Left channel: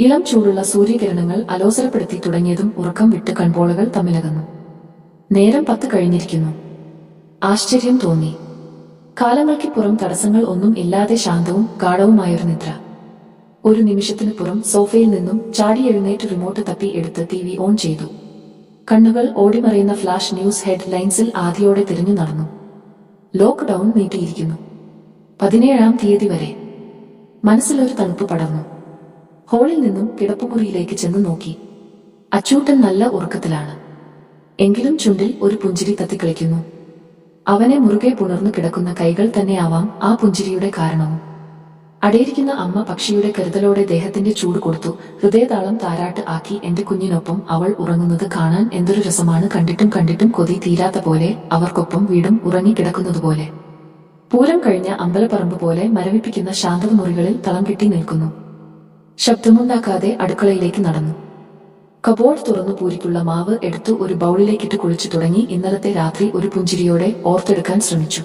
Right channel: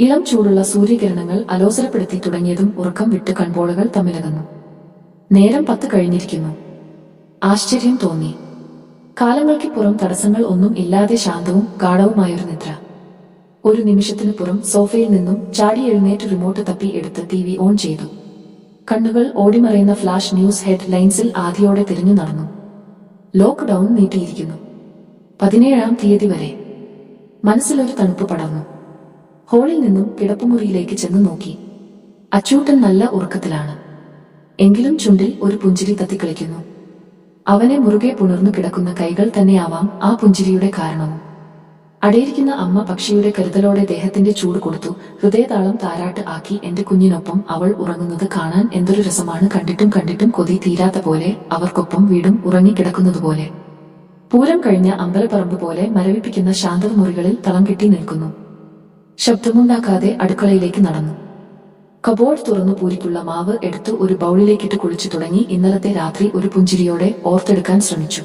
ഇളം ചൂടുള്ള സൂര്യകിരണങ്ങൾ അലോസരപ്പെടുത്തി തുടങ്ങിയതും ഉറക്കം വിട്ട് കൺപോളകൾ തമ്മിലകന്നു. നേരം പത്ത് കഴിഞ്ഞിരിക്കുന്നു. ആശ്ചര്യം തോന്നി. കാലങ്ങൾക്ക് പുറം തടസ്സങ്ങൾ ഒന്നും ഇല്ലാതെ ശാന്തവും ഗാഠവുമായൊരു നിദ്ര. ഒരു നിമിഷത്തിനു പുറം സോഫയിൽ നിന്നും ചാടി എഴുന്നേറ്റ് റിമോട്ട് തപ്പി എടുത്ത് ടി വി ഓൺ ചെയ്തു. കണ്ണുകൾ ഓടിമറയുന്ന ഫ്ലാഷ് ന്യൂസ് ഹെഡ് ലൈൻസിൽ ആദ്യയോടെ തിരിഞ്ഞു നടന്നു. ലോക്ക്ഡൌൺ നീട്ടിയിരിക്കുന്നു. പതിനേഴാം തീയതി വരെ. മനസ്സിലൊരു തണുപ്പ് പടർന്നു. ഹോളിൽ നിന്നും കിടപ്പുമുറിയിലേക്ക് ചെന്ന് നോക്കി. അച്ചൂട്ടൻ നല്ല ഉറക്കത്തിലാണ്. എങ്കിലും ചുണ്ടിൽ ഒരു പുഞ്ചിരി തത്തിക്കളിക്കുന്നു. അവനെ മുറുകെ പുണർന്നു കിടക്കുന്ന കൈകൾ തന്നെയാവാം ആ പുഞ്ചിരിയുടെ കാരണവും. അടയിരിക്കുന്ന അമ്മ പക്ഷിയുടെ കരുതലോടെ ദേഹത്തിന്റെ ചൂട് കൊടുത്തു ഹൃദയതാളം താരാട്ട് ആക്കി എന്റെ കുഞ്ഞിനൊപ്പം അവൾ ഉറങ്ങുന്നത് കാണാൻ എന്തൊരു രസമാണ് കണ്ടിട്ടും കണ്ടിട്ടും കൊതി തീരാത്ത പോലെ അവർക്കൊപ്പം വീടും ഉറങ്ങിക്കിടക്കുന്നതുപോലെ പൂരം കഴിഞ്ഞ അമ്പലപ്പറമ്പ് പോലെ മരവിപ്പിക്കുന്ന ശാന്തത മുറികളിൽ തളം കെട്ടി നിൽക്കുന്നു. ശബ്ദമുണ്ടാക്കാതെ അടുക്കളയിലേക്ക് നടന്നു. കബോർഡ് തുറന്നു പൂരിക്കുള്ള മാവ് എടുത്ത് ഒരു ബൗളിലേക്കിട്ട് കുളിച്ചു തുടങ്ങി ഇന്നലത്തെ രാത്രി ഒരു പുഞ്ചിരിയോടെ ഓർത്തെടുക്കാൻ ശ്രമിച്ചു.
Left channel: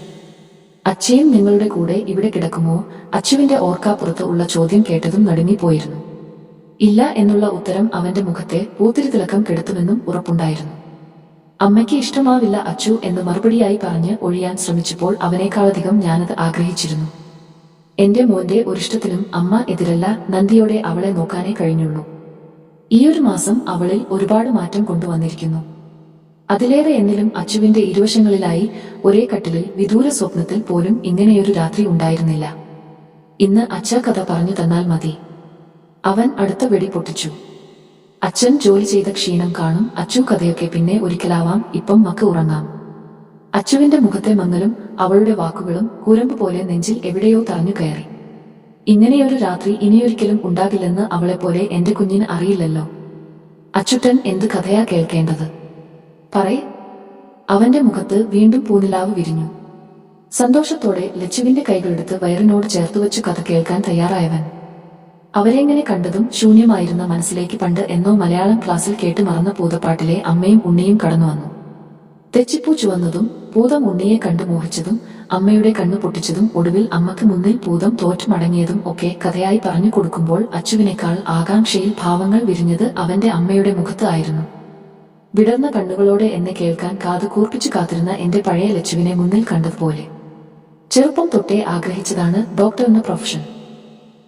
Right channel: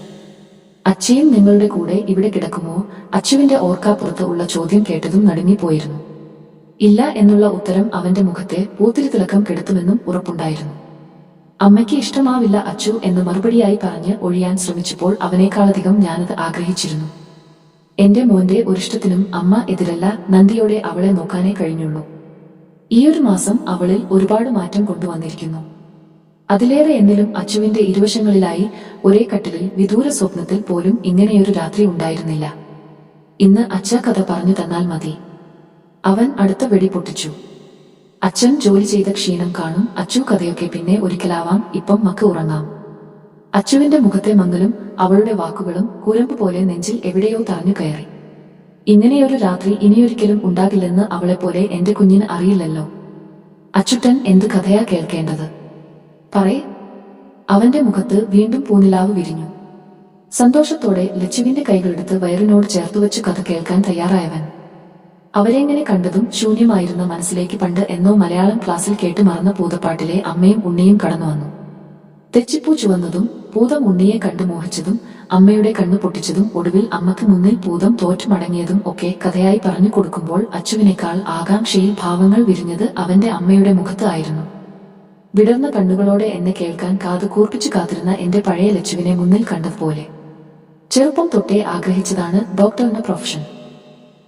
അച്ഛയും നിങ്ങളുടെ കൂടെ ഇവിടെ കിടക്കുമോ? അച്ഛുവിന്റെ ഓർക്കാപ്പുറത്ത് ഉള്ള ചോദ്യം കേട്ടതും നടുങ്ങിപ്പോയിരുന്നു. ഇല്ല എന്നുള്ള ഉത്തരം അവന്റെ മുഖത്തെ പൂത്തിരി തിളക്കം കെടുത്തുമെന്നും ഉറപ്പുണ്ടായിരുന്നു. അമ്മയ്ക്ക് ഇഷ്ടമാവില്ല അച്ചു എന്ന് മറുപടിയായി പറഞ്ഞ് ഒഴിയാൻ ശ്രമിച്ചപ്പോൾ അവനേക്കാളധികം ഞാനത് ആഗ്രഹിച്ചിരുന്നു. എന്റെ മോന്റെ ഒരിഷ്ടത്തിനും അമ്മ എതിരല്ല നന്ദിയോടെ അവളെ നോക്കാനേ കഴിഞ്ഞുള്ളൂ. ഈയൊരു മാസം അവളിൽ ഒരുപാട് മാറ്റം കൊണ്ടുവന്നിരിക്കുന്നു. അതിലേറെ എന്നിലും അച്ചുവിന്റെ ഇരുവശങ്ങളിലായി ഒരേ കട്ടിലിൽ വിദൂര സ്വപ്നത്തിൽ പോലും ഇങ്ങനെയൊരു രാത്രി ഉണ്ടായിരുന്നില്ല. ഇന്ന് അച്ഛ കഥ പറഞ്ഞു തന്നാൽ മതി. അവൻ അടുത്ത വെടി പൊട്ടിച്ചു. അച്ഛൻ ജോലി ചെയ്ത ക്ഷീണം കാണും. അച്ചു കഥയൊക്കെ പിന്നെ ഒരിക്കലാവാം. ഇപ്പം മക്ക് ഉറങ്ങാം. അച്ചുവിന്റെ മുഖത്തെ മങ്ങലും അവളുടെ വാക്കുകളും കുരമ്പ് പോലെ നെഞ്ചിൽ എവിടെയോ തറഞ്ഞു കയറി. ഇങ്ങനെയൊരു രാത്രി ഇനിയൊരിക്കലും ഉണ്ടാകില്ലെന്ന് അവളെപ്പോലെ എന്റെ കുഞ്ഞിന് അറിയില്ലല്ലോ. അച്ചുട്ടൻ എന്ത് കഥയാ കേൾക്കേണ്ടത്? പറയേ. അവന്റെ മുഖത്ത് വീണ്ടും പൂനിലാവ് വിരിഞ്ഞു. സന്തോഷത്തോടെ ലച്ചുവിന്റെ കൈകളെടുത്ത് വയറിനോട് ചേർത്തുവച്ച് കഥ കേൾക്കാൻ തയ്യാറായവൻ. അവരെങ്ങനെ കണ്ടതും ശൂന്യമായിരുന്ന മനസ്സിലേക്ക് പണ്ട് എന്നോ മലയാളം ക്ലാസ്സിൽ കേട്ട് മറന്ന പൂതപ്പാട്ടിലെ അമ്മയും ഉണ്ണിയും കടന്നു വന്നു. തെച്ചിപ്പൂ ചുവന്നതും പൂതം ഉണ്ണിയെ കണ്ടു മോഹിച്ചതും അമ്മയുടെ കണ്ണു പൊട്ടിച്ചതും ഒടുവിൽ അമ്മയ്ക്ക് മുന്നിൽ പൂതം തോറ്റു മടങ്ങിയതും ഒക്കെ കഥയായി പറഞ്ഞു കൊടുക്കുമ്പോൾ അച്ചുവിനേക്കാൾ ആകാംക്ഷയിൽ ഭാവങ്ങൾ വിരിഞ്ഞത് അവന്റെ അമ്മയുടെ മുഖത്ത് ആയിരുന്നു. വിടർന്ന കണ്ണുകളോടെ എന്നെ കേൾക്കാൻ കാത് കൂർപ്പിച്ചു കാത്തിരുന്ന എന്റെ പഴയ ലച്ചുവിനെ മുന്നിൽ കണ്ടതുപോലെ. ചെറുപ്പം തൊട്ടേ ആഗ്രഹിച്ചതാണ് ഡോക്ടർ എന്ന പ്രൊഫഷൻ.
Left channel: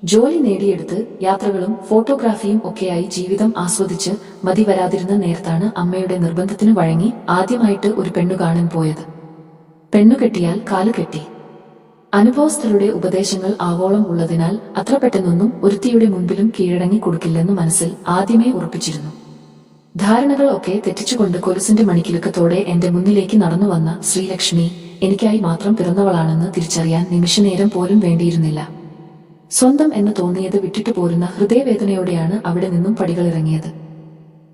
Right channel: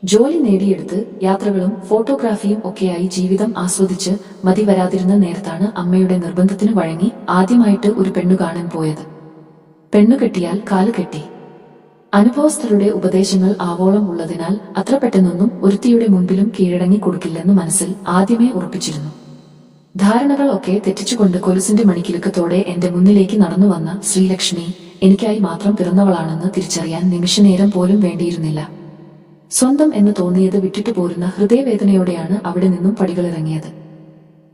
ജോലി നേടിയെടുത്ത് യാത്രകളും ഫോട്ടോഗ്രാഫിയും ഒക്കെയായി ജീവിതം ആസ്വദിച്ച് മതി വരാതിരുന്ന നേരത്താണ് അമ്മയുടെ നിർബന്ധത്തിന് വഴങ്ങി ആദ്യമായിട്ട് ഒരു പെണ്ണു കാണാൻ പോയത്. പെണ്ണു കെട്ടിയാൽ കെട്ടി. അനുഭവസ്ഥരുടെ ഉപദേശങ്ങൾ ആവോളം ഉള്ളതിനാൽ അത്ര പെട്ടെന്നൊന്നും ഒരുത്തിയുടെ മുൻപിലും കീഴടങ്ങി കൊടുക്കില്ലെന്ന് മനസ്സിൽ ആദ്യമേ ഉറപ്പിച്ചിരുന്നു. ധാരണകൾ ഒക്കെ തെറ്റിച്ചുകൊണ്ട് കൊലുസിന്റെ മണിക്കിലുക്കത്തോടെ എന്റെ മുന്നിലേക്ക് നടന്നു വന്ന ശ്രീലക്ഷ്മി എനിക്കായി മാത്രം പിറന്നവളാണെന്ന് തിരിച്ചറിയാൻ നിമിഷനേരം പോലും വേണ്ടിയിരുന്നില്ല. സ്വന്തം എന്ന് തോന്നിയത് വിട്ടിട്ടു പോരുന്ന ഹൃദയവേദനയോടെയാണ് അവിടെ നിന്നും പടികളിറങ്ങിയത്.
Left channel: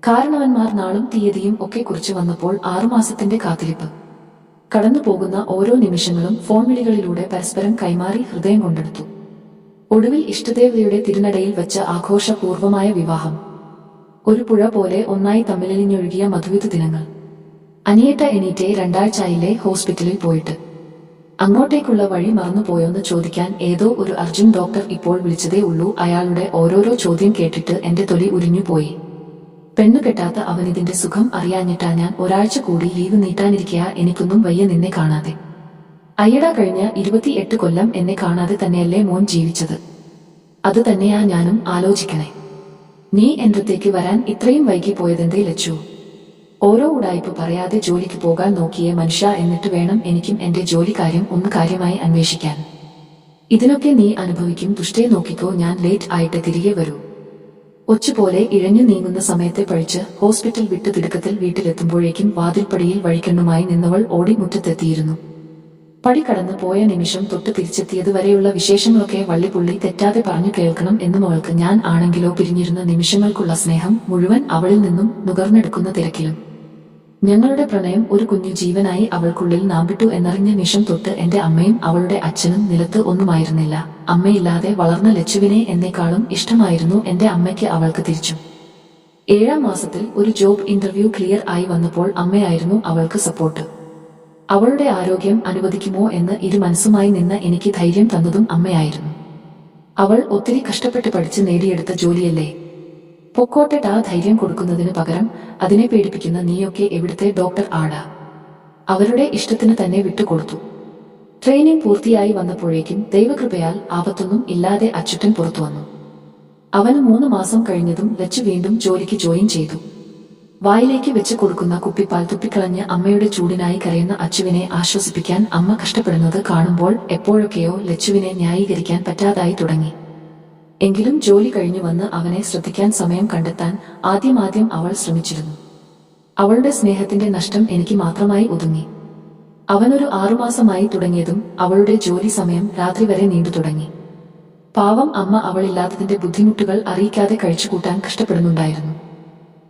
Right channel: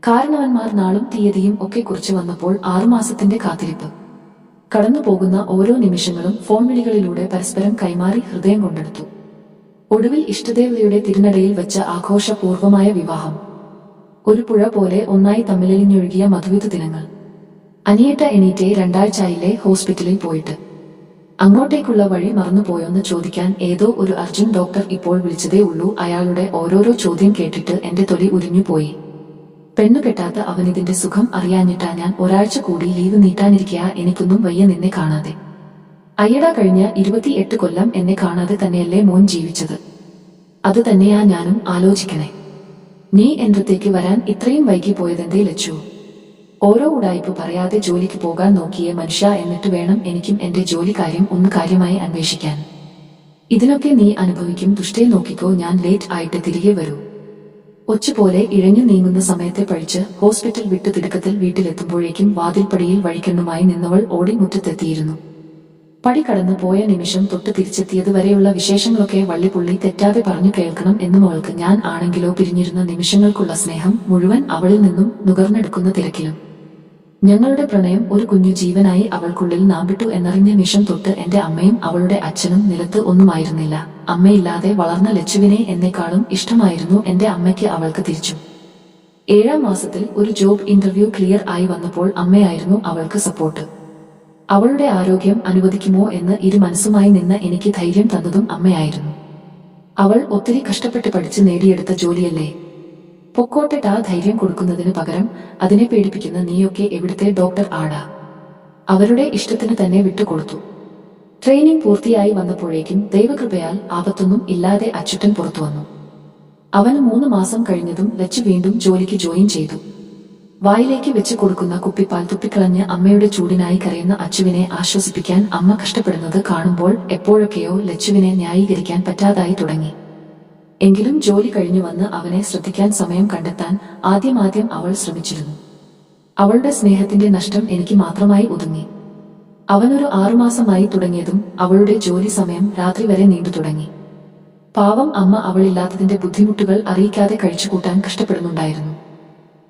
കാരണവന്മാർ നാളും തീയതിയും ഒക്കെ കുറിച്ച് വന്നപ്പോൾ ആറുമാസത്തിന്റെ കാത്തിരിപ്പ്. കടന്നുപോകുന്ന ഓരോ നിമിഷങ്ങളും ഫോൺ വിളികളിലൂടെ പരസ്പരം കൈമാറി ഹൃദയം കൊണ്ടെടുത്തു. ഒടുവിൽ ഇഷ്ടദേവതയുടെ തിരുനടയിൽ വെച്ച ആഘോഷപൂർവമായ വിവാഹം. ഒരു പുഴ പോലെ ഒന്നായി തമ്മിലലിഞ്ഞൊഴുകിയ മധുവിധ ദിനങ്ങൾ. അനിയേട്ട എണീറ്റെ രണ്ടാഴ്ചയിലെ ഹോസ്പിറ്റലിൽ പോയിട്ട്. അങ്ങോട്ടേക്കുള്ള വഴി മറന്നുപോയോന്ന് ചോദിക്കാൻ ഏതോ ഒരു അർജുൻ ഡോക്ടർ ഇപ്പോൾ വിളിച്ചതേ ഉള്ളൂ. അയാളുടെ ഓരോരോ ചോദ്യം കേട്ടിട്ട് എന്റെ തൊലി ഉരിഞ്ഞുപോയി പെണ്ണു കെട്ടാത്ത അവനിതിന്റെ സുഖം അറിയാഞ്ഞിട്ടാ ഞാൻ ഒരാഴ്ച കൂടി ലീവ് നീട്ടാനിരിക്കുക എനിക്കൊന്നും വയ്യ നിന്നെ കാണാതെ. അയ്യടാ കഴിഞ്ഞ ഇരുപത്തിയെട്ട് കൊല്ലം എന്നെ കാണാതെ തന്നെയല്ലേ മോൻ ജീവിച്ചത്. അത് തന്നെയാ ഞാനും ആലോചിക്കണേ. നീ എന്റത്തേക്ക് വരാൻ ഇത്രയും വൈകി പോയതെന്തേ ലച്ചു? ഓരോ ഉടായ്പ പറയാതെ ജോലിക്ക് പോകാൻ നോക്കിയ മനുഷ്യ എന്നിട്ട് വേണം എനിക്കും എന്റെ ജോലി കാര്യം ഒന്ന് കാര്യമായി അന്വേഷിക്കാൻ. ഇതിനൊക്കെ നീ അനുഭവിക്കും ദുഷ്ടേ നോക്കിക്കോ ഞാൻ ലേറ്റ് ആയിട്ട് തിരികെ വരൂ. ഒച്ചുപോലെ ഇഴഞ്ഞു നീങ്ങുന്ന സമയത്തെ പഴിച്ച് ഹോസ്പിറ്റൽ വിട്ട് തിടുക്കത്തിൽ വീട്ടിലെത്തുമ്പോഴേക്കും വാതിൽപ്പടിയിൽ വഴിക്കണ്ണുമായി നിന്നവൾ ഓടി മുറ്റത്തെത്തിയിരുന്നു. പടി കടന്നു പോയ നിമിഷം തൊട്ട് തിരിച്ചെത്തിയത് വരെയുള്ള വിശേഷങ്ങളൊക്കെ വള്ളിപ്പുള്ളി തെറ്റാതെ പറഞ്ഞു കേൾക്കണം എന്നും അവൾക്ക് ഞാൻ ആണെങ്കിലോ പിരിഞ്ഞിരുന്ന നിമിഷങ്ങൾക്കുള്ള സ്നേഹം മുഴുവൻ അവളിൽ നിന്നും നുകർന്നെടുക്കുന്ന തിരക്കിലും. ഞങ്ങളുടെ പ്രണയം ഒരു കുഞ്ഞു ജീവനായി അവൾക്കുള്ളിൽ നാമ്പിട്ടു എന്നറിഞ്ഞ നിമിഷം തൊട്ട് എന്റെ അമ്മയും അവളുടെ അച്ഛനും നിലത്ത് ഒന്നുമായിരുന്നില്ല. അമ്മയില്ലാതെ വളർന്ന ലച്ചുവിനെ എന്നെക്കാളും ഇഷ്ടമായിരുന്നു എന്റെ അമ്മയ്ക്ക് അവൾക്ക് തിരിച്ചു. ഏഴാം മാസത്തിൽ ഒരു ജോബ് ഇന്റർവ്യൂ ക്ലിയർ ആയി വന്നപ്പോൾ അമ്മയായിരുന്നു അവൾക്ക് സപ്പോർട്ട്. അവളുടെ ആരോഗ്യം അനുവദിക്കുമോ എന്ന് ഇരു മനസ്സുമായി നിന്ന് എനിക്ക് ധൈര്യം തന്നതും അമ്മയായിരുന്നു. അവൾ ഒത്തിരി കഷ്ടപ്പെട്ട് പഠിച്ച് നേടിയെടുത്ത ജോലിയല്ലേ? പൊക്കോട്ടെ ആ ധൈര്യം കൊടുക്കുന്നതിന് പകരം അതിനെ പേടിപ്പിക്കുന്ന നീയൊക്കെ എവിടുത്തെ ഡോക്ടർ ആടാ അവരുടെ ഇഷ്ടത്തിന് തന്നെ വിട്ടുകൊടുത്തു. ട്രെയിനിങ് പൂർത്തിയായി വന്നപ്പോഴേക്കും ദൈവകൃപയാൽ ആപത്തൊന്നും ഇല്ലാതെ അച്യുതൻ പുറത്തു വന്നു. അവന് മൂന്ന് മാസം കഴിഞ്ഞതും ലച്ചു വീണ്ടും ജോലിക്ക് ജോയിൻ ചെയ്തു. വായിലേക്ക് വെച്ച് കൊടുക്കുന്ന കുപ്പിപ്പാൽ തുപ്പിക്കളഞ്ഞ് അമ്മയുടെ ചൂടിനായി കരയുന്ന അച്ചുവിനെ ആശ്വസിപ്പിക്കാൻ അമ്മ കഷ്ടപ്പെടുന്നത് കാണുമ്പോൾ എപ്പോഴൊക്കെയോ ലച്ചുവിനെ ന്യായീകരിക്കാൻ പറ്റാതായി തുടങ്ങി. എങ്കിലും ജോലി കഴിഞ്ഞു വന്ന് അവനെ ശ്രദ്ധിക്കാൻ സമയം കണ്ടെത്താൻ ആദ്യമാദ്യം അവൾ ശ്രമിച്ചിരുന്നു. അവളുടെ സ്നേഹത്തിന്റെ നഷ്ടം എനിക്ക് മാത്രമായി ഒതുങ്ങി. അവനൊരു ആറുമാസമായി തുടങ്ങിയതും അവളുടെ ജോലി സമയം രാത്രി വരെ നീണ്ടു തുടങ്ങി. പാവം അമ്മ അവളില്ലാത്തതിന്റെ ബുദ്ധിമുട്ടുകൾ അറിയിക്കാതെ കഴിച്ചുകൂട്ടാൻ കഷ്ടപ്പെടുന്നുണ്ടായിരുന്നു.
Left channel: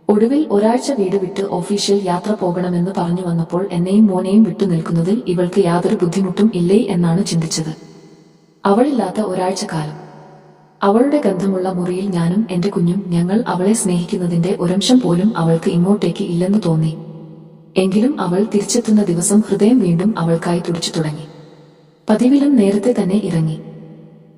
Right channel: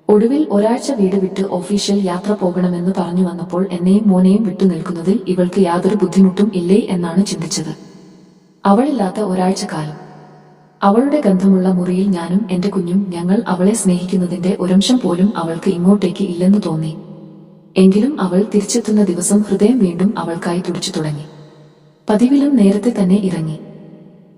ഒടുവിൽ ഒരാഴ്ച വീട് വിട്ട് ഒഫീഷ്യൽ യാത്ര പോകണമെന്ന് പറഞ്ഞു വന്നപ്പോൾ എന്നെയും മോനെയും വിട്ടു നിൽക്കുന്നതിൽ ഇവൾക്ക് യാതൊരു ബുദ്ധിമുട്ടും ഇല്ലേ എന്നാണ് ചിന്തിച്ചത്. അവളില്ലാത്ത ഒരാഴ്ച കാലം അവളുടെ ഗന്ധമുള്ള മുറിയിൽ ഞാനും എന്റെ കുഞ്ഞും ഞങ്ങൾ അവളെ സ്നേഹിക്കുന്നതിന്റെ ഒരംശം പോലും അവൾക്ക് ഇങ്ങോട്ടേക്ക് ഇല്ലെന്ന് തോന്നി. എങ്കിലും അവൾ തിരിച്ചെത്തുന്ന ദിവസം ഹൃദയം വീണ്ടും അവൾക്കായി തുടിച്ചു തുടങ്ങി. പതിവിലും നേരത്തെ തന്നെ ഇറങ്ങി.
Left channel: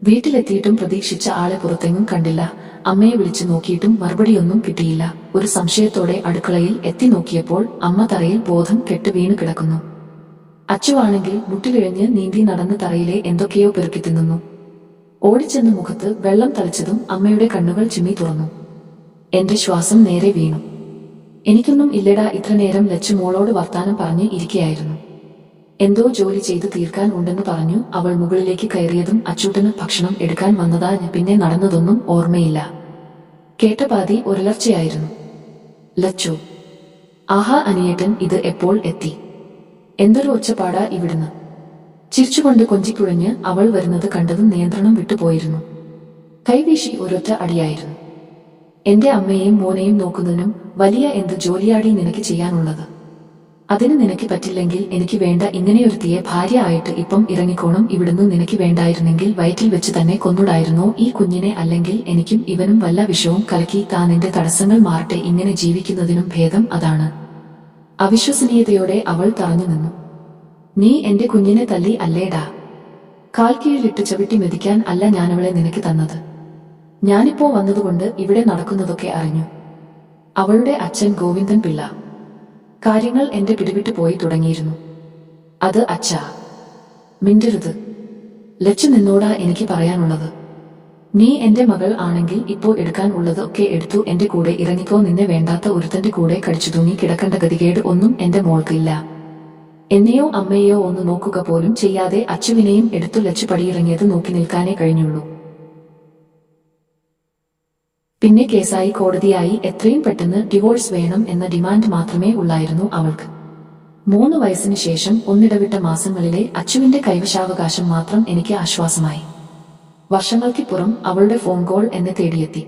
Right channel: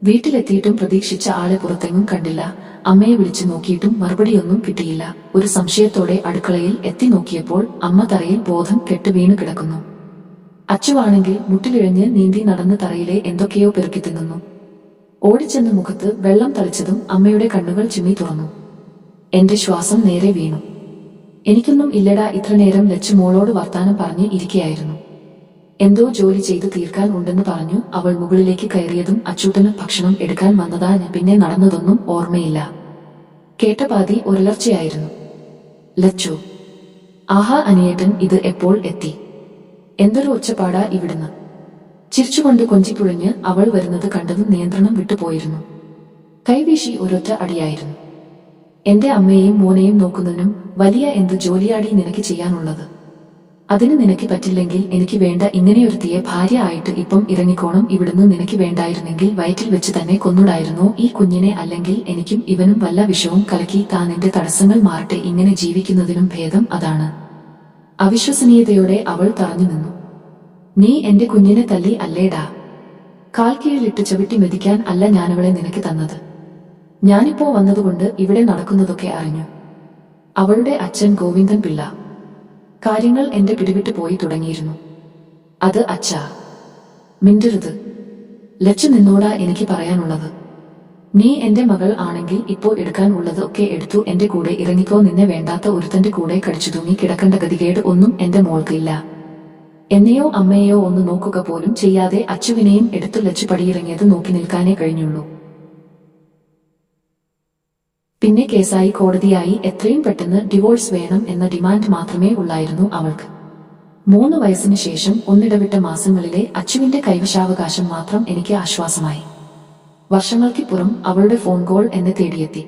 വീട്ടിലെത്തിയിട്ടും പ്രതീക്ഷിച്ച ആളെ പുറത്തെങ്ങും കണ്ടില്ല. അമ്മയെ വിളിച്ചു നോക്കിയിട്ടും മറുപടിയൊന്നും കിട്ടിയില്ല. ഒരു സംശയത്തോടെ അടുക്കളയിൽ എത്തി നോക്കിയപ്പോൾ അമ്മ തറയിൽ ബോധം കെട്ട് വീണു കിടക്കുന്നു. അച്ചുവാണെങ്കിൽ മുട്ടിലിഴഞ്ഞ് നീന്തി നടന്ന് തറയിലെ എന്തൊക്കെയോ പെറുക്കി തിന്നുന്നു. ഓടിച്ചെന്ന് മുഖത്ത് വെള്ളം തളിച്ചതും അമ്മയുടെ കണ്ണുകൾ ചിമ്മി തുറന്നു. എന്റെ ശ്വാസം നേരെ വീണു. എനിക്കൊന്നും ഇല്ലടാ ഇത്ര നേരം ലച്ചു മോളോട് വർത്താനം പറഞ്ഞ് ഇരിക്കയായിരുന്നു. എന്തോ ജോലി ചെയ്തു തീർക്കാൻ ഉണ്ടെന്ന് പറഞ്ഞു. അവൾ മുകളിലേക്ക് കയറിയതും അച്ചൂട്ടന് ഭക്ഷണം എടുക്കാൻ വന്നതാ പിന്നെ നടന്നതൊന്നും ഓർമ്മയില്ല. കേട്ട പാതി ഒരലർച്ചയായിരുന്നു. ലച്ചു ആഹാ അനിയേട്ടൻ ഇത് എപ്പോൾ എത്തി? എന്തൊരു ഒച്ചപ്പാടാ ഇവിടുന്ന്? ചിരിച്ചുകൊണ്ട് കൊഞ്ചിക്കുഴഞ്ഞ് അവൾ വരുന്നത് കണ്ടതും നിയന്ത്രണം വിട്ടുപോയിരുന്നു കൈവീശി ഒരൊറ്റ അടിയായിരുന്നു. എന്റെ അമ്മയെയും മോനെയും നോക്കുന്നതിനും വലിയ എന്ത് ജോലിയാടി നിനക്ക് ചെയ്യാനുള്ളത്? അതിന് നിനക്ക് പറ്റില്ലെങ്കിൽ എനിക്ക് വേണ്ട ഇങ്ങനെയൊരുത്തിയെ ഭാര്യ ആയിട്ട് ഇപ്പം ഇറങ്ങിക്കോണം. ഇവിടുന്ന് നിനക്ക് വേണ്ടായിരുന്നെങ്കിൽ വയറ്റിൽ വെച്ച് തന്നെ കൊന്നുടായിരുന്നു. ഈ കുഞ്ഞിനെ അല്ലെങ്കിൽ എനിക്കും ഇവനും വല്ല വിഷവും കലക്കി താ നിന്റെ തടസ്സങ്ങൾ മാറട്ടെ. ഇങ്ങനെ ജീവിക്കുന്നതിനും ഭേദം അതാണ്. അവിശ്വസനീയതയോടെ അവൾ തറഞ്ഞു നിന്നു. നീ എന്റെ കുഞ്ഞിനെ തല്ലി അല്ലേടാ. കാൽ കീഴിലിട്ട് ചവിട്ടി മെതിക്കാൻ അല്ല ഞാനവളെ നിനക്ക് തന്നത്. ഞാനിപ്പോ വന്നതുകൊണ്ട് ഇവിടെ നടക്കുന്നതൊക്കെ അറിഞ്ഞു. അവളുടെ അച്ഛൻ ഗോവിന്ദൻ പിള്ള. കാര്യങ്ങൾ എന്റെ പിടിവിട്ടു പോയി തുടങ്ങിയിരുന്നു. അത് അച്ഛാ മിണ്ടരുത്. ലച്ചു നിന്നോടാ എനിക്ക് പറയാനുള്ളത്. നീ എന്റെ മകൾ ആണെങ്കിൽ ഇപ്പോ എടുക്കാൻ ഉള്ളത് ഒക്കെ എടുത്തു എന്റെ കൂടെ ഇറങ്ങിക്കോ. നിന്നെ വേണ്ടാത്ത ഒരുത്തന്റെ കൂടെ കടിച്ചു തൂങ്ങി കിടക്കേണ്ട ഗതികേട് ഒന്നും എന്റെ മോൾക്കില്ല എന്നെയോ അമ്മയെയോ ഒന്ന് നോക്കുക പോലും ചെയ്യാതെ അച്ചുവിനെയും എടുത്തു ലച്ചു പടിയിറങ്ങിയത് നോക്കി നിൽക്കാനേ കഴിഞ്ഞുള്ളൂ. പിന്നെ കേസായി കോടതിയായി എത്രയും പെട്ടെന്ന് ഡിവോഴ്സ് വേണം എന്ന ഡിമാൻഡ് മാത്രമേ ഉള്ളായിരുന്നു അവൾക്ക്. മൂന്ന് വയസ്സിന് ശേഷം ഒന്നിടവിട്ട മാസങ്ങളിലെ അച്ചുവിന്റെ കൈവശാവകാശം മാത്രം എനിക്ക് ആശ്വാസമായി. വർഷങ്ങൾക്കിപ്പുറം അവളുടെ ഫോൺ കോൾ എന്നെ തേടിയെത്തി.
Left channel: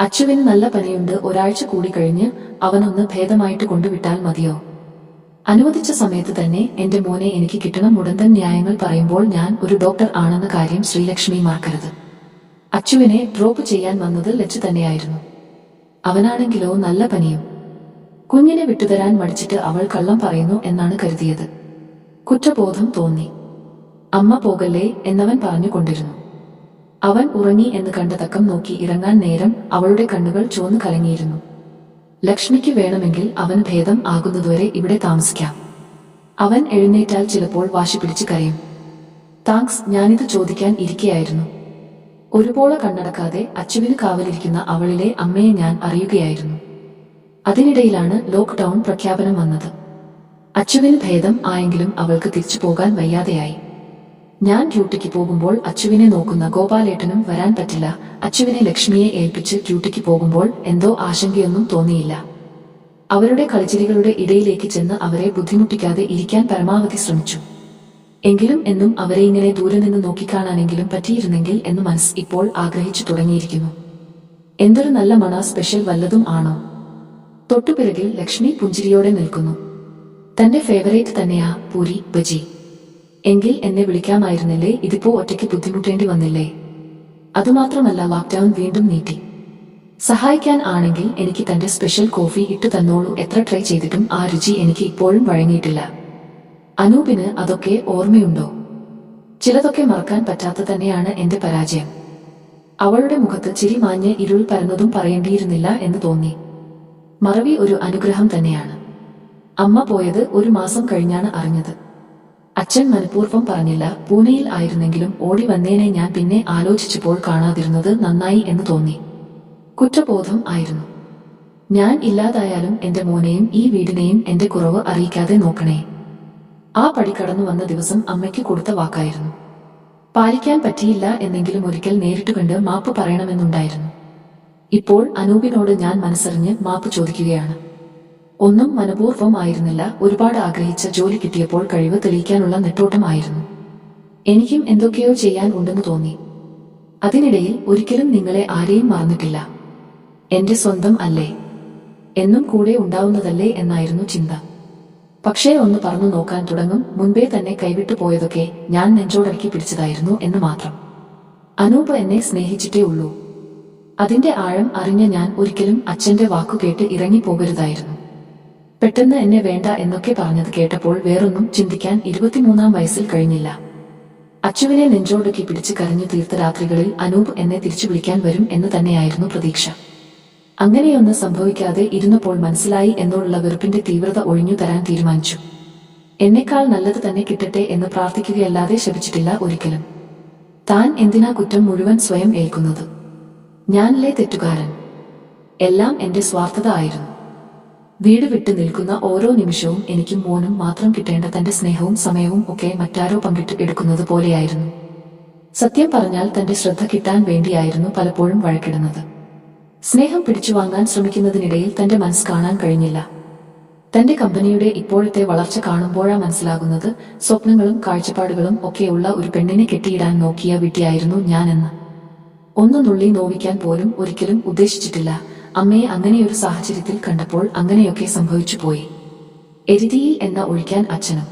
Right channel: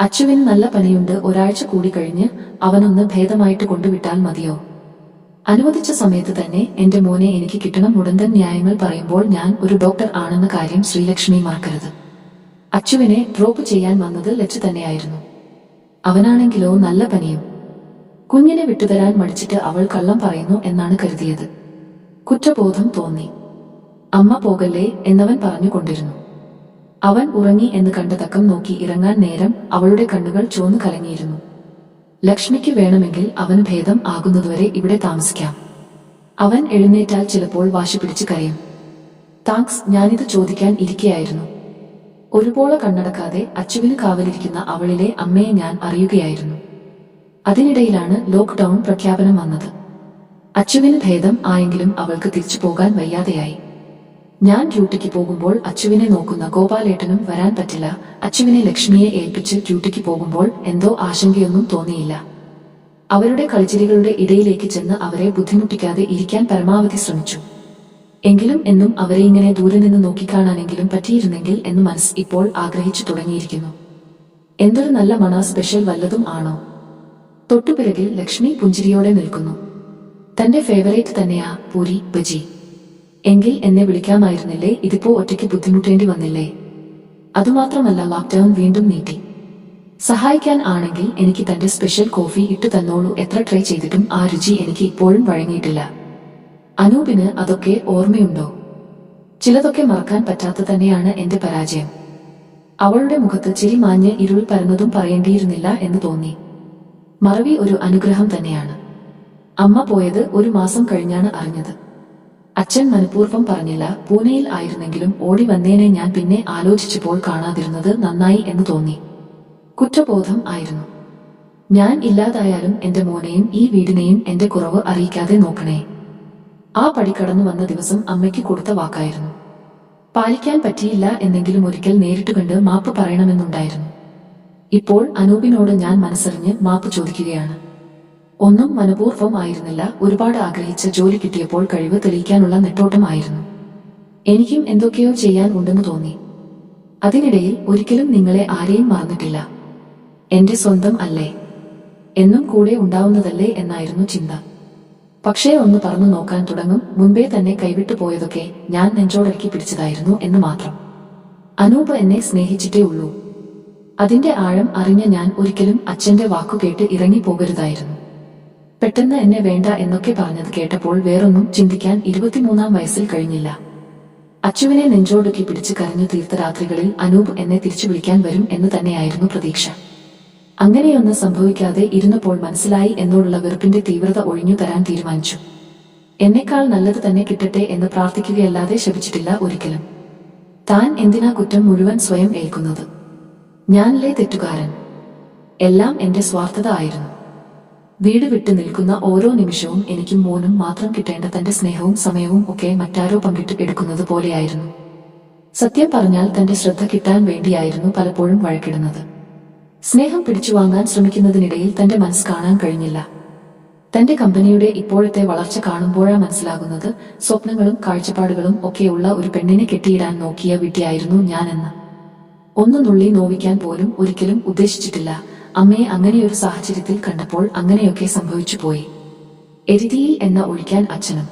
അച്ചുവിന് നല്ല പനിയുണ്ട്. ഒരാഴ്ച കൂടി കഴിഞ്ഞ് അവനൊന്ന് ഭേദമായിട്ട് കൊണ്ടുവിട്ടാൽ മതിയോ? അനുവദിച്ച സമയത്ത് തന്നെ എന്റെ മോനെ എനിക്ക് കിട്ടണം. മുടന്തൻ ന്യായങ്ങൾ പറയുമ്പോൾ ഞാൻ ഒരു ഡോക്ടർ ആണെന്ന കാര്യം ശ്രീലക്ഷ്മി മറക്കരുത്. അച്ചുവിനെ ഡ്രോപ്പ് ചെയ്യാൻ വന്നത് ലച്ചു തന്നെയായിരുന്നു. അവനാണെങ്കിലോ നല്ല പനിയും. കുഞ്ഞിനെ വിട്ടുതരാൻ മടിച്ചിട്ട് അവൾ കള്ളം പറയുന്നു എന്നാണ് കരുതിയത്. കുറ്റബോധം തോന്നി. അമ്മ പോകല്ലേ എന്നവൻ പറഞ്ഞുകൊണ്ടിരുന്നു. അവൻ ഉറങ്ങി എന്ന് കണ്ട തക്കം നോക്കി ഇറങ്ങാൻ നേരം അവളുടെ കണ്ണുകൾ ചുവന്നു കലങ്ങിയിരുന്നു. ലക്ഷ്മിക്ക് വേണമെങ്കിൽ അവൻ ഭേദം ആകുന്നതുവരെ ഇവിടെ താമസിക്കാം. അവൻ എഴുന്നേറ്റാൽ ചിലപ്പോൾ വാശി പിടിച്ച് കരയും. താങ്ക്സ് ഞാനിത് ചോദിക്കാൻ ഇരിക്കയായിരുന്നു. ഒരുപോലെ കണ്ണടക്കാതെ അച്ചുവിന് കാവലിരിക്കുന്ന അവളിലെ അമ്മയെ ഞാൻ അറിയുകയായിരുന്നു. അതിനിടയിലാണ് ലോക്ക്ഡൌൺ പ്രഖ്യാപനം വന്നത്. അച്ചുവിന് ഭേദം ആയെങ്കിലും അവൾക്ക് തിരിച്ചു പോകാൻ വയ്യാതെയായി. ഞാൻ ഡ്യൂട്ടിക്ക് പോകുമ്പോൾ അച്ചുവിനെ നോക്കുന്ന ഗോപാലേട്ടനും വരാൻ പറ്റില്ല. അച്ചുവിനെ ലക്ഷ്മിയെ ഏൽപ്പിച്ച് ഡ്യൂട്ടിക്ക് പോകുമ്പോൾ എന്തോ ആശങ്കയൊന്നും തോന്നിയില്ല. അവരുടെ കളിച്ചിരികളുടെ ഇടയിലേക്ക് ചെന്ന് അവരെ ബുദ്ധിമുട്ടിക്കാതെ ഇരിക്കാൻ പരമാവധി ശ്രമിച്ചു. എങ്കിലും എന്നും അവരെ ഇങ്ങനെ ദൂരെ നിന്ന് നോക്കിക്കാണാനെങ്കിലും പറ്റിയിരുന്നെങ്കിൽ എന്ന് മനസ്സ് ഇപ്പോൾ ആഗ്രഹിച്ചു തുടങ്ങിയിരിക്കുന്നു. എന്തൊരു നല്ല മണ സ്പെഷ്യൽ വല്ലതും ആണോ? തൊട്ടുപിറകിൽ ലക്ഷ്മി പുഞ്ചിരിയോടെ നിൽക്കുന്നു. തന്റെ ഫേവറേറ്റ് തന്നെയാ പൂരി ബജി. എങ്കിൽ എന്നെ വിളിക്കാമായിരുന്നില്ലേ? ഇതിപ്പോ ഒറ്റയ്ക്ക് ബുദ്ധിമുട്ടേണ്ടി വന്നില്ലേ? അതുമാത്രമല്ല ലോക്ക്ഡൌൺ വീണ്ടും നീട്ടി. സഹായിക്കാൻ ആണെങ്കിൽ എനിക്ക് തന്റെ സ്പെഷ്യൽ കോഫി ഇട്ടു തന്നോളൂ. എത്ര ട്രൈ ചെയ്തിട്ടും ആ രുചി എനിക്ക് ഇപ്പോഴും വഴങ്ങിയിട്ടില്ല. അനൂപിന് അതൊക്കെ ഓർമ്മയുണ്ടോ? ചിലതൊക്കെ മറക്കാൻ പറ്റാത്ത തന്നെയാണ് എന്റെ പരാജയം. അവളുടെ മുഖത്ത് ചിരി മാഞ്ഞ് ഇരുൾ പരന്നതും പറയേണ്ടിയിരുന്നില്ല എന്ന് തോന്നി. മറവി ഒരു അനുഗ്രഹം തന്നെയാണ്. അമ്മ പോയത് ഒരു മാസം കഴിഞ്ഞാണ് അറിഞ്ഞത്. അച്ഛൻ മനഃപൂർവം പറഞ്ഞില്ല പൂനെയിൽ ആയിരുന്നെങ്കിലും ഓടി വന്നേനെ ഞാൻ പിന്നെ ആലോചിച്ചപ്പോൾ കാണാതിരുന്നത് നന്നായി എന്ന് തോന്നി. കുറ്റബോധം ആയിരുന്നു. ഞാൻ ഇല്ലാതായാലും എന്റെ മോനെയും ഈ വീടിനെയും എന്റെ കുറവ് അറിയിക്കാതെ നോക്കണേ. ആ പടി കടന്നു വന്ന ദിവസം അമ്മയ്ക്ക് കൊടുത്ത വാക്കായിരുന്നു. പാലിക്കാൻ പറ്റിയില്ല എന്നെങ്കിലും ഒരിക്കൽ നേരിട്ട് കണ്ട് മാപ്പ് പറയണമെന്നുണ്ടായിരുന്നു. ഇപ്പോൾ അനൂപിനോട് ഞാൻ മനസ്സറിഞ്ഞ് മാപ്പ് ചോദിക്കുകയാണ്. ഒന്നും മനപൂർവം ആയിരുന്നില്ല ഒരുപാട് ആഗ്രഹിച്ച ജോലി കിട്ടിയപ്പോൾ കഴിവ് തെളിയിക്കാനുള്ള നെട്ടോട്ടമായിരുന്നു എനിക്കും എന്തൊക്കെയോ ചെയ്യാൻ ഉണ്ടെന്ന് തോന്നി. അതിനിടയിൽ ഒരിക്കലും നിങ്ങളെ ആരെയും മറന്നിട്ടില്ല. എന്റെ സ്വന്തം അല്ലേ? എന്നും കൂടെ ഉണ്ടാവുന്നതല്ലേ എന്നായിരുന്നു ചിന്ത. പക്ഷേ ഒന്ന് പറഞ്ഞു നോക്കാൻ തുടങ്ങും മുൻപേ തന്നെ കൈവിട്ടു പോയതൊക്കെ ഞാൻ നെഞ്ചോടക്കി പിടിച്ചതായിരുന്നു എന്ന് മാത്രം. അനൂപ് എന്നെ സ്നേഹിച്ചിട്ടേ ഉള്ളൂ. അതിന്റെ ആഴം അറിഞ്ഞ ഞാൻ ഒരിക്കലും അച്ഛന്റെ വാക്കു കേട്ട് ഇറങ്ങിപ്പോകരുതായിരുന്നു. പെട്ടെന്ന് എന്നെ വേണ്ട എന്നൊക്കെ പറഞ്ഞത് കേട്ടപ്പോൾ വേറൊന്നും ചിന്തിക്കാൻ ഇരുപത്തിമൂന്നാം വയസ്സിൽ കഴിഞ്ഞില്ല. അച്ചുവിനെ നെഞ്ചോടുക്കി പിടിച്ച് കരഞ്ഞു തീർത്ത രാത്രികളിൽ അനൂപ് എന്നെ തിരിച്ചു വിളിക്കാൻ വരും എന്ന് തന്നെയായിരുന്നു പ്രതീക്ഷ. അങ്ങനെയൊന്ന് സംഭവിക്കാതെ ഇരുന്നപ്പോൾ മനസ്സിലായി എന്നോടുള്ള വെറുപ്പിന്റെ തീവ്രത ഒഴിഞ്ഞു തരാൻ തീരുമാനിച്ചു. എന്നെക്കാൾ നല്ലത് തന്നെ കിട്ടട്ടെ എന്ന് പ്രാർത്ഥിക്കുകയല്ലാതെ ശപിച്ചിട്ടില്ല ഒരിക്കലും. താൻ എന്തിനാ കുറ്റം മുഴുവൻ സ്വയം ഏൽക്കുന്നത്? ഞാനല്ലേ തെറ്റുകാരൻ? എല്ലാം എന്റെ സ്വാർത്ഥത ആയിരുന്നു. വീട് വിട്ടു നിൽക്കുന്ന ഓരോ നിമിഷവും എനിക്കും മോനും മാത്രം കിട്ടേണ്ട തന്റെ സ്നേഹവും സമയവും ഒക്കെ മറ്റാരോ പങ്കിട്ട് എടുക്കുന്നത് പോലെയായിരുന്നു. സത്യം പറഞ്ഞാൽ തന്റെ ശ്രദ്ധ കിട്ടാൻ വേണ്ടിയായിരുന്നു പലപ്പോഴും വഴക്കിടുന്നത്. സ്നേഹം പിടിച്ചുവാങ്ങാൻ ശ്രമിക്കുന്നതിനിടയിൽ തന്റെ മനസ്സ് കാണാൻ കഴിഞ്ഞില്ല. തന്റെ കമ്പനിയുടെ ഇപ്പോഴത്തെ വളർച്ച കാണുമ്പോഴാ മനസ്സിലാകുന്നത് സ്വപ്നങ്ങളും കാഴ്ചപ്പാടുകളും ഒക്കെയുള്ള ഒരു പെണ്ണിനെ കെട്ടിയിടാൻ നോക്കിയ വിട്ടിയായിരുന്നു ഞാനെന്ന്. ഒന്ന് നുള്ളി നോവിക്കാൻ പോലും ഒരിക്കലും ഉദ്ദേശിച്ചിട്ടില്ല. അമ്മയെ അങ്ങനെയൊരു സാഹചര്യത്തിൽ കണ്ടപ്പോൾ അങ്ങനെയൊക്കെ സംഭവിച്ചു പോയി. എരുതിയിൽ എന്ന ഒഴിക്കാൻ അച്ഛനും.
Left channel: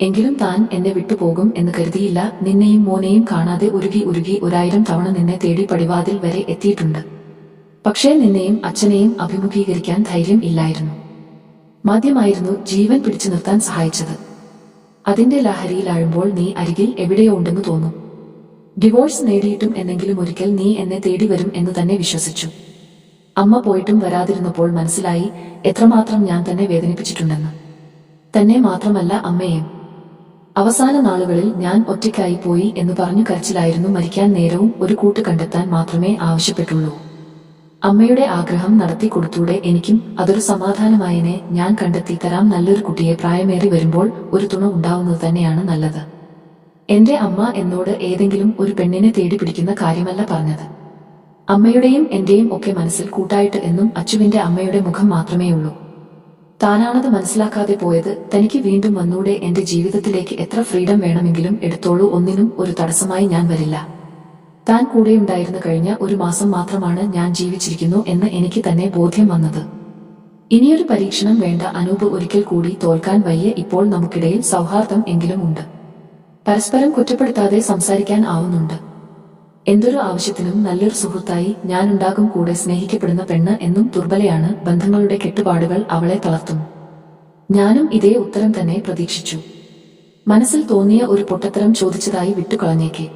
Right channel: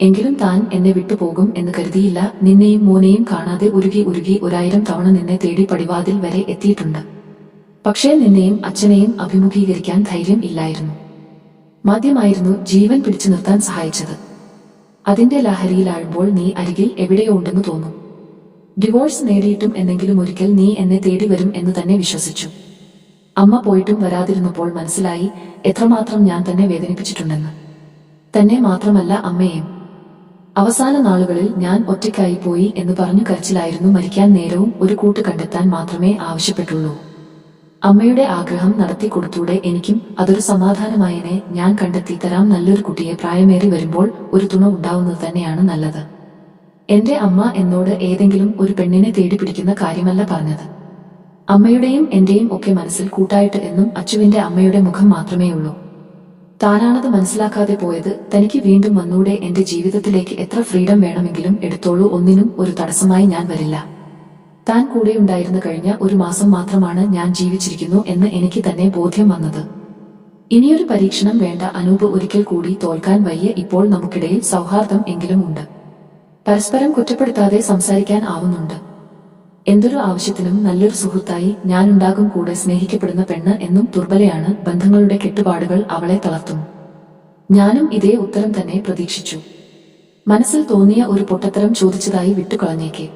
എങ്കിലും താൻ എന്നെ വിട്ടുപോകും എന്ന് കരുതിയില്ല. നിന്നെയും മോനെയും കാണാതെ ഉരുകി ഉരുകി ഒരായിരം തവണ നിന്നെ തേടി പടിവാതിൽ വരെ എത്തിയിട്ടുണ്ട്. പക്ഷേ നിന്നെയും അച്ഛനെയും അഭിമുഖീകരിക്കാൻ ധൈര്യം ഇല്ലായിരുന്നു. മദ്യമായിരുന്നു ജീവൻ പിടിച്ചു നിർത്താൻ സഹായിച്ചത്. അതിന്റെ ലഹരിയിലാഴുമ്പോൾ നീ അരികിൽ എവിടെയോ ഉണ്ടെന്ന് തോന്നും. ഡിവോഴ്സ് നേടിയിട്ടും എന്തെങ്കിലും ഒരിക്കൽ നീ എന്നെ തേടി വരും എന്ന് തന്നെ വിശ്വസിച്ചു. അമ്മ പോയിട്ടും വരാതിരുന്നപ്പോൾ മനസ്സിലായി എത്രമാത്രം ഞാൻ തന്നെ വേദനിപ്പിച്ചിട്ടുണ്ടെന്ന്. തന്നെ മാത്രമല്ല അമ്മയെയും. അവസാന നാളുകളിൽ ഞാൻ ഒറ്റയ്ക്കായി പോയി എന്ന് പറഞ്ഞു കരച്ചിലായിരുന്നു മരിക്കാൻ നേരവും ഒരു കൂട്ട് കണ്ടെത്താൻ മാത്രമേ ആവശ്യപ്പെട്ടുള്ളൂ. അമ്മയുടെ ആഗ്രഹം നടത്തി കൊടുത്തൂടെ എനിക്കും അതൊരു സമാധാനമായനെ. ഞാൻ കണ്ടെത്തി തരാം. നല്ലൊരു കുട്ടിയെ പ്രായമേറി വരുമ്പോൾ ഒരു തുണ ഉണ്ടാവുന്നത് തന്നെയാണ് നല്ലത്. എന്റെ അമ്മ എന്നോട് ഏതെങ്കിലും ഒരു പെണ്ണിനെ തേടി പിടിക്കുന്ന കാര്യമല്ല പറഞ്ഞത്. അമ്മയുടെയും എന്റെയും ഒക്കെ മനസ്സിൽ കൂട്ടായിട്ട് എന്നും അച്ചുവിന്റെ അമ്മയുടെ മുഖം മാത്രമേയുള്ളൂ. താനാണത് മനസ്സിലാക്കാതെ പോയത് തനിക്ക് വീണ്ടും വന്നൂടെ എന്റെ ജീവിതത്തിലേക്ക് എത്ര ഫ്രീഡം വേണമെങ്കിലും എടുത്തോളൂ. ഒന്നിനും ഒരു തടസ്സമായി ഞാൻ വരില്ല. താൻ കൂടെയുണ്ടായിരുന്നു കഴിഞ്ഞ ഒരു മാസം മാത്രമാണ് ഞാൻ ജീവിച്ചിരിക്കുന്നു എന്ന് എനിക്ക് തന്നെ ബോധ്യം വന്നത്. ഇനിയൊരു പരീക്ഷണം വേണ്ട അനൂപ് ഒരിക്കൽ കൂടി തോൽക്കാൻ വയ്യ ഇപ്പോൾ നമുക്കിടയിൽ സൗഹാർദ്ദം എങ്കിലും ഉണ്ട്. പരസ്പരം കുറ്റപ്പെടുത്താതെ സംസാരിക്കാൻ ആവുന്നുണ്ട്. എന്തൊരു ആവശ്യത്തിനും നല്ലൊരു സുഹൃത്തായി ഞാനുണ്ടാകും കൂടെ സ്നേഹിക്കപ്പെടുന്ന പെണ്ണ് എന്നും ദുർബലയാണ് ബന്ധങ്ങളുടെ കെട്ടുപാടുകൾ അവളെ തളർത്തും. ഞാനും ഇതേ ഉത്തരം തന്നെ പ്രതീക്ഷിച്ചു. മനസ്സിൽ തോന്നിയ ഒരു പൊട്ടത്തരം ചോദിച്ചതായി വിട്ടുകളഞ്ഞേക്കെ.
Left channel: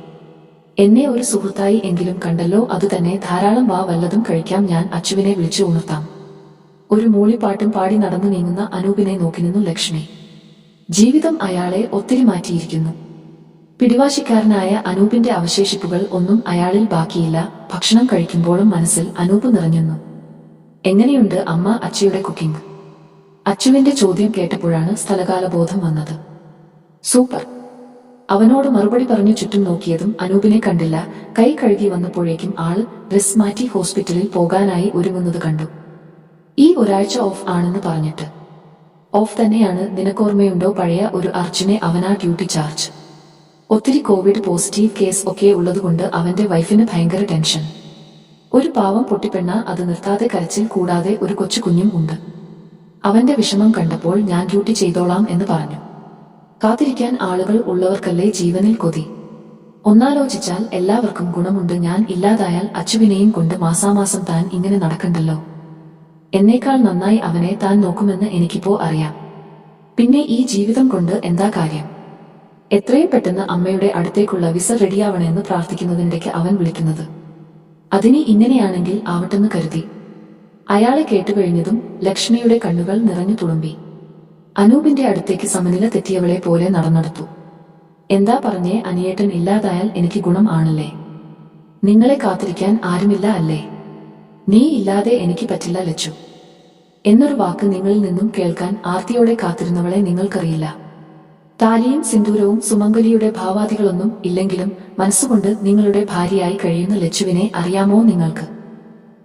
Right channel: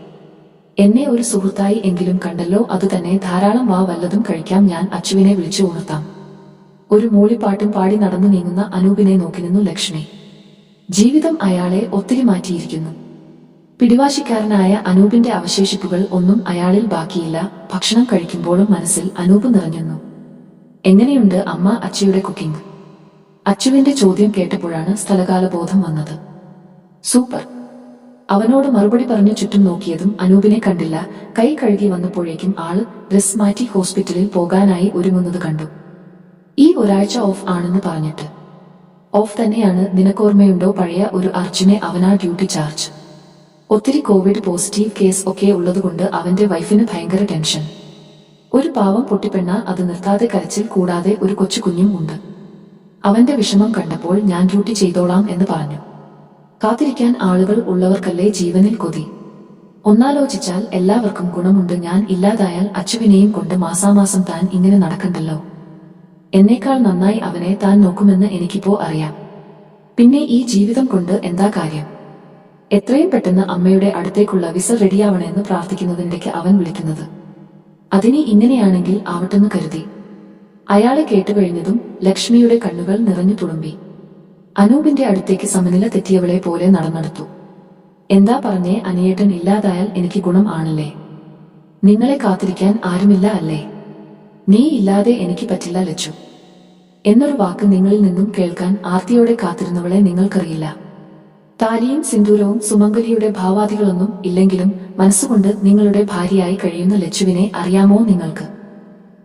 എന്നെ ഒരു സുഹൃത്തായി എങ്കിലും കണ്ടല്ലോ അതുതന്നെ ധാരാളം വാ വല്ലതും കഴിക്കാം ഞാൻ അച്ചുവിനെ വിളിച്ചു ഉണർത്താം. ഒരു മൂളിപ്പാട്ടും പാടി നടന്നു നീങ്ങുന്ന അനൂപിനെ നോക്കി നിന്നു ലക്ഷ്മി. ജീവിതം അയാളെ ഒത്തിരി മാറ്റിയിരിക്കുന്നു. പിടിവാശിക്കാരനായ അനൂപിന്റെ അവശേഷിപ്പുകൾ ഒന്നും അയാളിൽ ബാക്കിയില്ല ഭക്ഷണം കഴിക്കുമ്പോഴും മനസ്സിൽ അനൂപ് നിറഞ്ഞുന്നു. എങ്ങനെയുണ്ട് അമ്മ അച്ചയുടെ കുക്കിംഗ്? അച്ചുവിന്റെ ചോദ്യം കേട്ടപ്പോഴാണ് സ്ഥലകാലബോധം വന്നത്. സൂപ്പർ. അവനോട് മറുപടി പറഞ്ഞു ചുറ്റും നോക്കിയതും അനൂപിനെ കണ്ടില്ല. കൈ കഴുകി വന്നപ്പോഴേക്കും ആൾ ഡ്രസ് മാറ്റി ഹോസ്പിറ്റലിൽ പോകാനായി ഒരുങ്ങുന്നത് കണ്ടു. ഈ ഒരാഴ്ച ഓഫ് ആണെന്ന് പറഞ്ഞിട്ട്. ഓഫ് തന്നെയാണ് നിനക്കോർമ്മയുണ്ടോ പഴയ ഒരു അർജുനെ അവനാ ഡ്യൂട്ടി ചാർജ്. ഒത്തിരി കോവിഡ് പോസിറ്റീവ് കേസ് ഒക്കെ ഉള്ളതുകൊണ്ട് അവന്റെ വൈഫിന് ഭയങ്കര ടെൻഷൻ. ഒരു പാവം പൊട്ടിപ്പെണ്ണ അത് നിർത്താതെ കരച്ചിൽ കൂടാതെ ഒരു കൊച്ചു കുഞ്ഞും ഉണ്ട്. അവന്റെ വിഷമം കണ്ടപ്പോൾ ഞാൻ ഡ്യൂട്ടി ചെയ്തോളാം എന്ന് പറഞ്ഞു. കാത്തിരിക്കാൻ ആളുകൾ ഉള്ളവർക്കല്ലേ ജീവനിൽ കൊതി? ഒന്നാലോചിച്ചാൽ എല്ലാവർക്കും ഗുണമുണ്ട്. ഞാൻ ഇല്ലാതായാൽ അച്ചുവിനെയും കൊണ്ട് മാസാമാസം താൻ ഇങ്ങനെ നടക്കണ്ടല്ലോ. എന്നേക്കാൾ നന്നായി അവനെ താൻ നോക്കുമെന്ന് എനിക്കിപ്പോ അറിയാം. പിന്നെ ഈ ജീവിതം കൊണ്ട് എന്താ കാര്യം? എത്രയും പെട്ടെന്ന് അമ്മയുടെ അടുത്തേക്കുള്ള വിസ റെഡിയാവണമെന്ന് പ്രാർത്ഥിക്കുന്നതിനിടയ്ക്ക് അവൻ വിളിക്കുന്നത്. അതിനി ഇങ്ങനെയാണെങ്കിൽ ആവട്ടെന്ന് കരുതി. അയാളെ കേട്ടുകഴിഞ്ഞതും ലക്ഷ്മിയുടെ കണ്ണുകൾ നിറഞ്ഞു തുളുമ്പി. അനൂപിന്റെ അടുത്തേക്ക് സമനില തെറ്റിയവളെ പോലെ നടന്നെടുത്തു. എന്താ പറഞ്ഞേ അനിയേട്ടൻ ഇല്ലാതായാൽ എനിക്ക് ഗുണം ആണല്ലേ? നിങ്ങളെ കാത്തിരിക്കാൻ ആരുമില്ല അല്ലേ? നീ ഇല്ലാതെ എനിക്ക് പറ്റില്ല ലച്ചു. എന്നൊരു വാക്ക് നിങ്ങളിൽ നിന്നും കേൾക്കാൻ ആർത്തിയോടെ കാത്തിരുന്നവളെ നിങ്ങൾക്കറിയില്ല. താലിയും സിന്ദൂരവും സുമംഗലിയുടെ ഭാവാദികളൊന്നും ഇല്ലെങ്കിലും മനസ്സുകൊണ്ട് നിങ്ങളുടെ ഭാര്യയായി കഴിയുന്ന ലച്ചുവിനെ അറിയാമോ നിങ്ങൾക്ക്?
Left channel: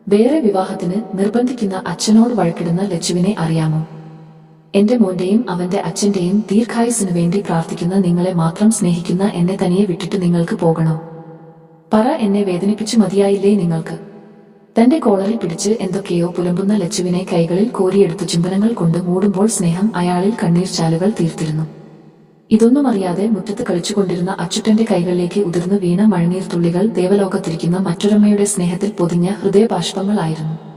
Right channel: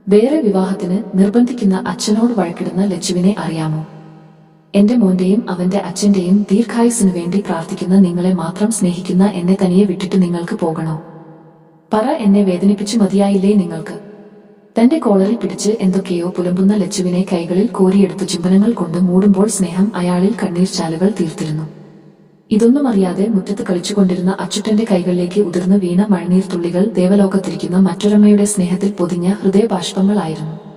വേറെ വിവാഹത്തിന് നിർബന്ധിക്കുന്ന അച്ഛനോട് വഴക്കിടുന്ന ലച്ചുവിനെ അറിയാമോ? എന്റെ മോന്റെയും അവന്റെ അച്ഛന്റെയും ദീർഘായുസിനു വേണ്ടി പ്രാർത്ഥിക്കുന്ന നിങ്ങളെ മാത്രം സ്നേഹിക്കുന്ന എന്നെ തനിയെ വിട്ടിട്ട് നിങ്ങൾക്ക് പോകണോ? പറ എന്നെ വേദനിപ്പിച്ചു മതിയായില്ലേ നിങ്ങൾക്ക്? തന്റെ കോളറിൽ പിടിച്ച് എന്തൊക്കെയോ പുലമ്പുന്ന ലച്ചുവിനെ കൈകളിൽ കോരിയെടുത്ത് ചുംബനങ്ങൾ കൊണ്ട് മൂടുമ്പോൾ സ്നേഹം അയാളിൽ കണ്ണീർ ചാലുകൾ തീർത്തിരുന്നു. ഇതൊന്നും അറിയാതെ മുറ്റത്ത് കളിച്ചുകൊണ്ടിരുന്ന അച്ചുട്ടന്റെ കൈകളിലേക്ക് ഉതിർന്നു വീണ മഴനീർ തുള്ളികൾ ദേവലോകത്തിരിക്കുന്ന മറ്റൊരമ്മയുടെ സ്നേഹത്തിൽ പൊതിഞ്ഞ ഹൃദയബാഷ്പങ്ങളായിരുന്നു.